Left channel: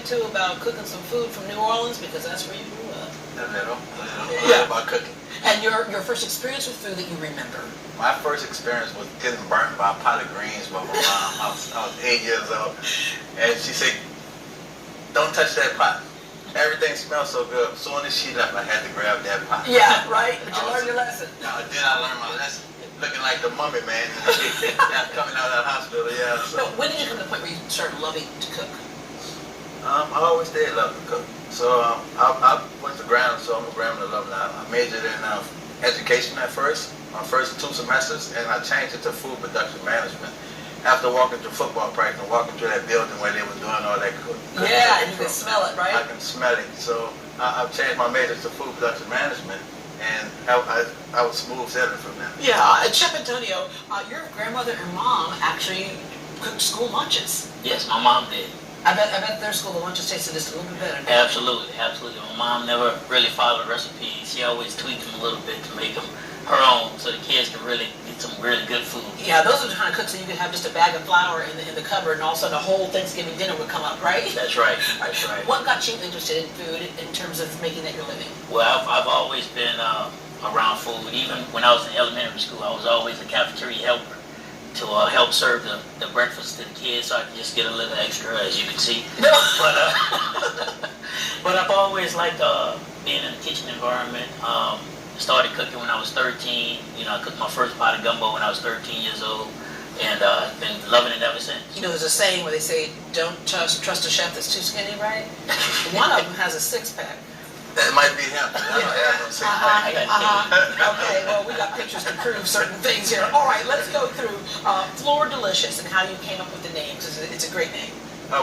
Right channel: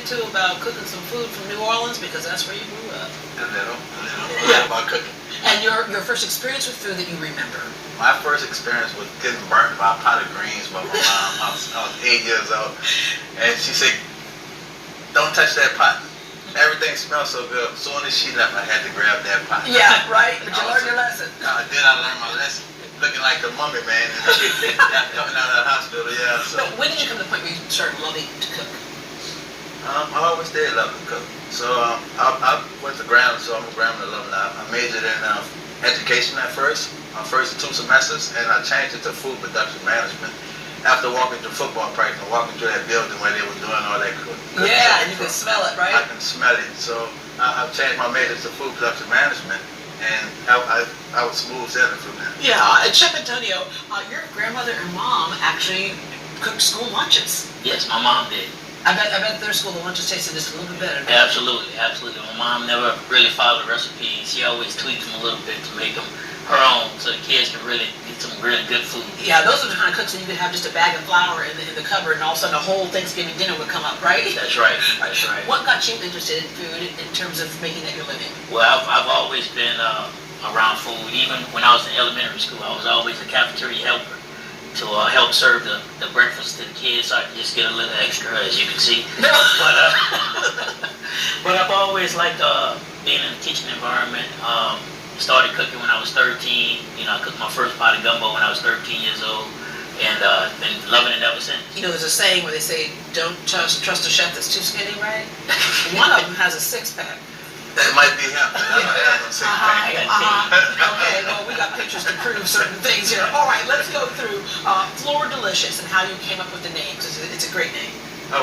bit too about cooking some food from New Orleans because that's where you grew up. A little about cooking. And your first experience with food that you remember? My first experience was getting burnt by a pot of greens by my mom. I was 8 years old, and she said, "Don't touch that pot. Everything smells so good." As soon as she left, I had to grab that pot. Yeah, right. But you learned your lesson. Then I learned my lesson. Looking like the mummy, man. Coming out of the hospital, yeah. So when did you come to the point where you started loving to cook? I always did love to cook. So I went to Grambling, so I'm a Grambling alumni. I majored in education at first, my first 2 semesters, and I changed it to food production management. After walking through football practice and walking through that building where they were doing all that cooking. Yeah, and you can smell it, right? I can smell it. So I've changed my major to food production management, and I was smooth sailing from there. Yeah, and Chef Antonio, your grandmother and mom actually cooked school lunches. Yes, my mom did. I bet their school, the lunches tasted just a little bit better. Absolutely, absolutely. My mom never really followed recipes. She always tweaked them a little bit to make them her own, so the kids can really get some really good food. Yeah, those are the kind of cooks that you could have just a bag of flour in the cupboard, and all of a sudden a whole Thanksgiving dinner would come up, right? That's right. That's right. What got you interested in food in terms of making that your living? Well, I've always been around food. Even when I was in elementary school, I was always a cafeteria helper to help serve the breakfast to the kids, so I could just get a little extra, as you can see. But I've always liked being in the kitchen environment. Started cooking when I was 13. You know, I cooked my first pot of gumbo when I was 13 years old, and been loving it ever since. You know, there's a saying where they say, "Don't trust a chef that's too skinny," right? One of them has a 6-pack. That might be him. I don't have no 6-pack. Okay, well, we got pictures to prove certain things here. All right, let's go through Fleur Delicious and how you came up with the name, because it's a great name.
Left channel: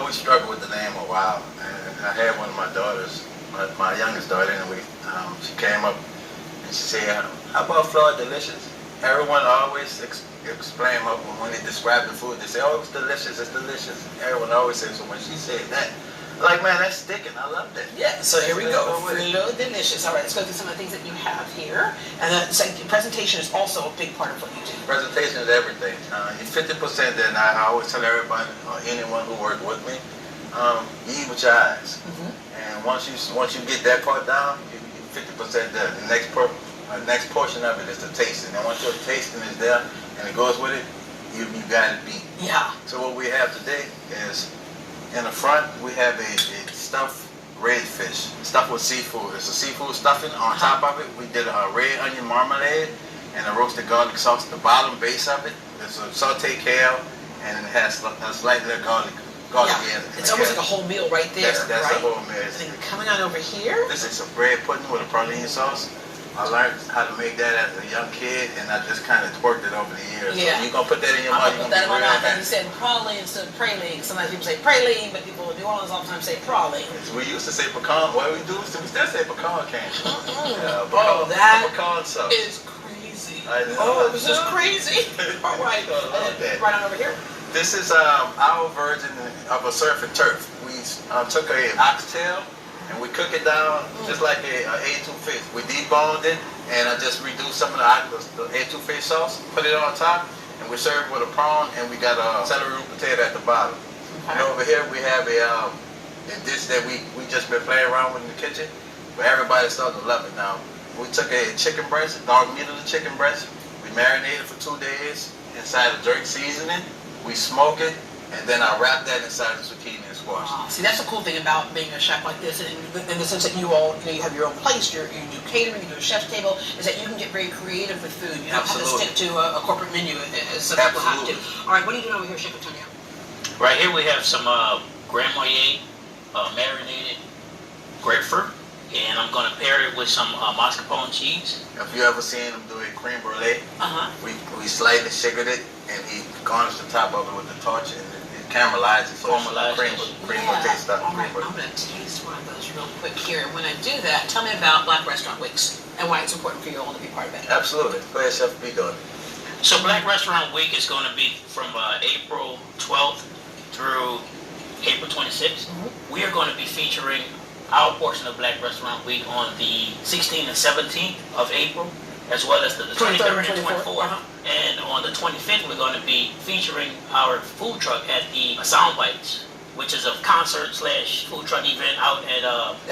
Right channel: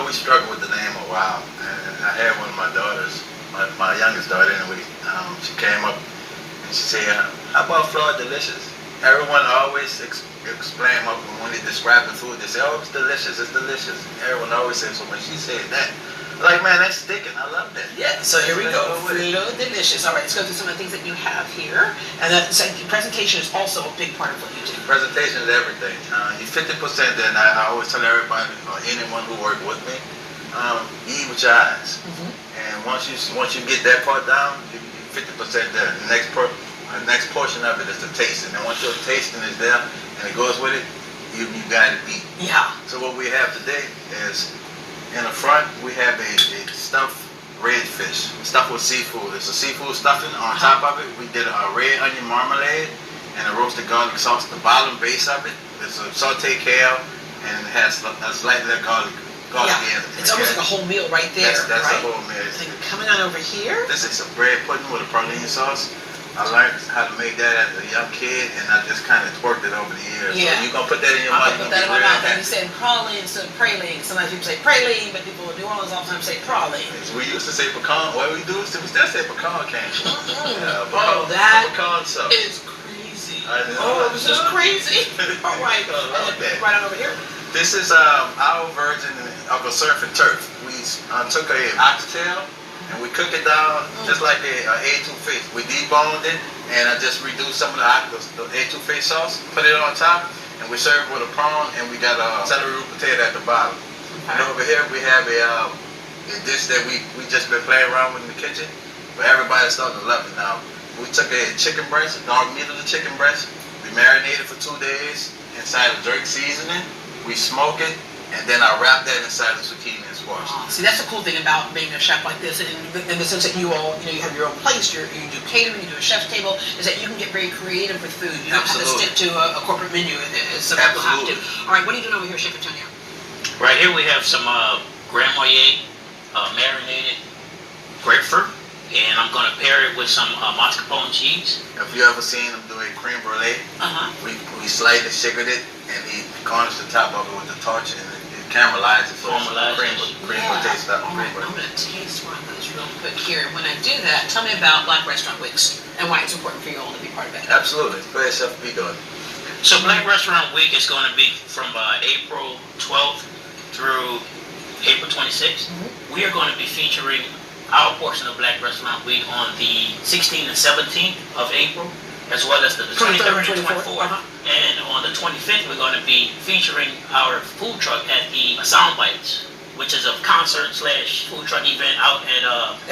We struggled with the name a while. And I had one of my daughters, my youngest daughter anyway, she came up and she said, "How about Fleur Delicious?" Everyone always explained when they describe the food, they say, "Oh, it's delicious, it's delicious." Everyone always says, so when she said that, like, man, that's sticking. I love that. Yeah, so here we go. Fleur Delicious. All right, let's go through some of the things that you have here. And then presentation is also a big part of what you do. Presentation is everything. You 50%, then I always tell everybody, or anyone who works with me, you eat with your eyes. And once you get that part down, you 50% there. The next portion of it is the tasting. And once your tasting is there and it goes with it, you got it beat. Yeah. So what we have today is, in the front, we have a stuffed red fish, stuffed with seafood. It's a seafood stuffing. On top of it, we did a red onion marmalade and a roasted garlic sauce. The bottom base of it is a sauteed kale, and it has a slight little garlic in it. It's almost like a whole meal right there. That's right? a whole meal. And then coming on over here. This is a bread pudding with a praline sauce. I learned how to make that as a young kid, and I just kind of twerked it over the years. Yeah. So you're going to put that in your mouth. I'm going to put that in my mouth. And you said praline instead of praline. Sometimes people say praline, but people in New Orleans oftentimes say praline. We used to say pecan. What we do is we still say pecan candy. Yeah, that pecan sauce. is crazy. I know. This is crazy. All right. Right on over here. This is our version of a surf and turf. We took a oxtail, and we cook it down just like a etouffee. We deboned it, and I just reduced some of the etouffee sauce, put it on top, and we serve it with a prawn, and we got a celery root potato at the bottom. Okay. And over here we have a dish that we just been playing around with in the kitchen, but everybody's starting to love it now. We took a chicken breast, dog meat of the chicken breast. We marinated for 2 days inside of jerk seasoning. We smoke it, and then I wrap that inside the zucchini and squash. See, that's the cool thing about being a chef like this, in the sense that you have your own place, you do catering, you do a chef's table, is that you can get very creative with food. You don't have to stick to a corporate menu as some people have to. All right, what are you doing over here, Chef Antonio? Right here we have some Grand Marnier marinated grapefruit, and I'm going to pair it with some mascarpone cheese. If you ever seen him do a creme brulee, we slightly sugared it, and he garnished the top of it with the torch, and it caramelized it. So cream brulee stuff. All right, I'm going to taste one of those real quick here. And when I do that, tell me about Black Restaurant Weeks and why it's important for you all to be part of that. Absolutely. Go ahead, Chef, be good. So Black Restaurant Week is going to be from April 12th through April 26th. We are going to be featuring our portion of Black Restaurant Week on the 16th and 17th of April, as well as the 23rd and 24th. And on the 25th, we're going to be featuring our food truck at the Sound Bites which is a concert / food truck event out at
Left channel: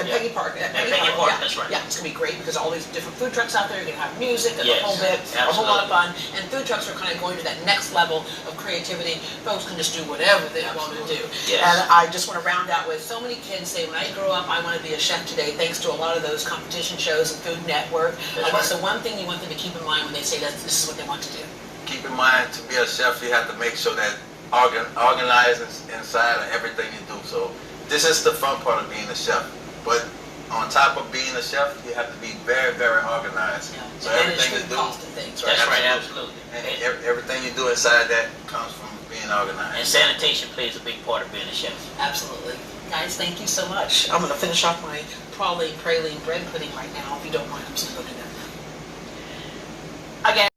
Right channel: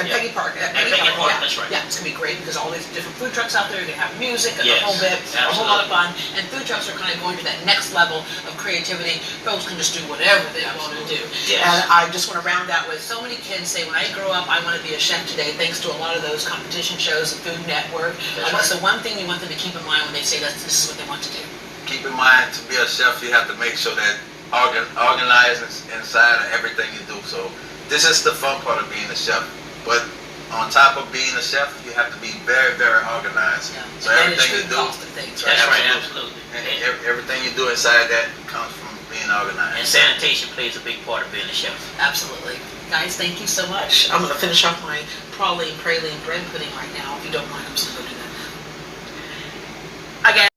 Peggy Park. At Peggy Park, yeah. that's right. Yeah, it's gonna be great because all these different food trucks out there. You're gonna have music and Yes, a whole bit, a whole lot of absolutely. fun. And food trucks are kind of going to that next level of creativity. Folks can just do whatever they want to do. Yes. And I just want to round out with so many kids say, when I grow up, I want to be a chef today. Thanks to a lot of those competition shows and Food Network. What's the one thing you want them to keep in mind when they say that this is what they want to do? Keep in mind, to be a chef, you have to make sure that organize inside of everything you do. So this is the fun part of being a chef. But on top of being a chef, you have to be very, very organized. Yeah. So And everything you food do, cost and things, right? That's right, absolutely. and everything you do inside that comes from being organized. And sanitation plays a big part of being a chef. Absolutely. Guys, thank you so much. I'm going to finish off my praline bread pudding right now. If you don't mind, I'm just going to go do that. Again.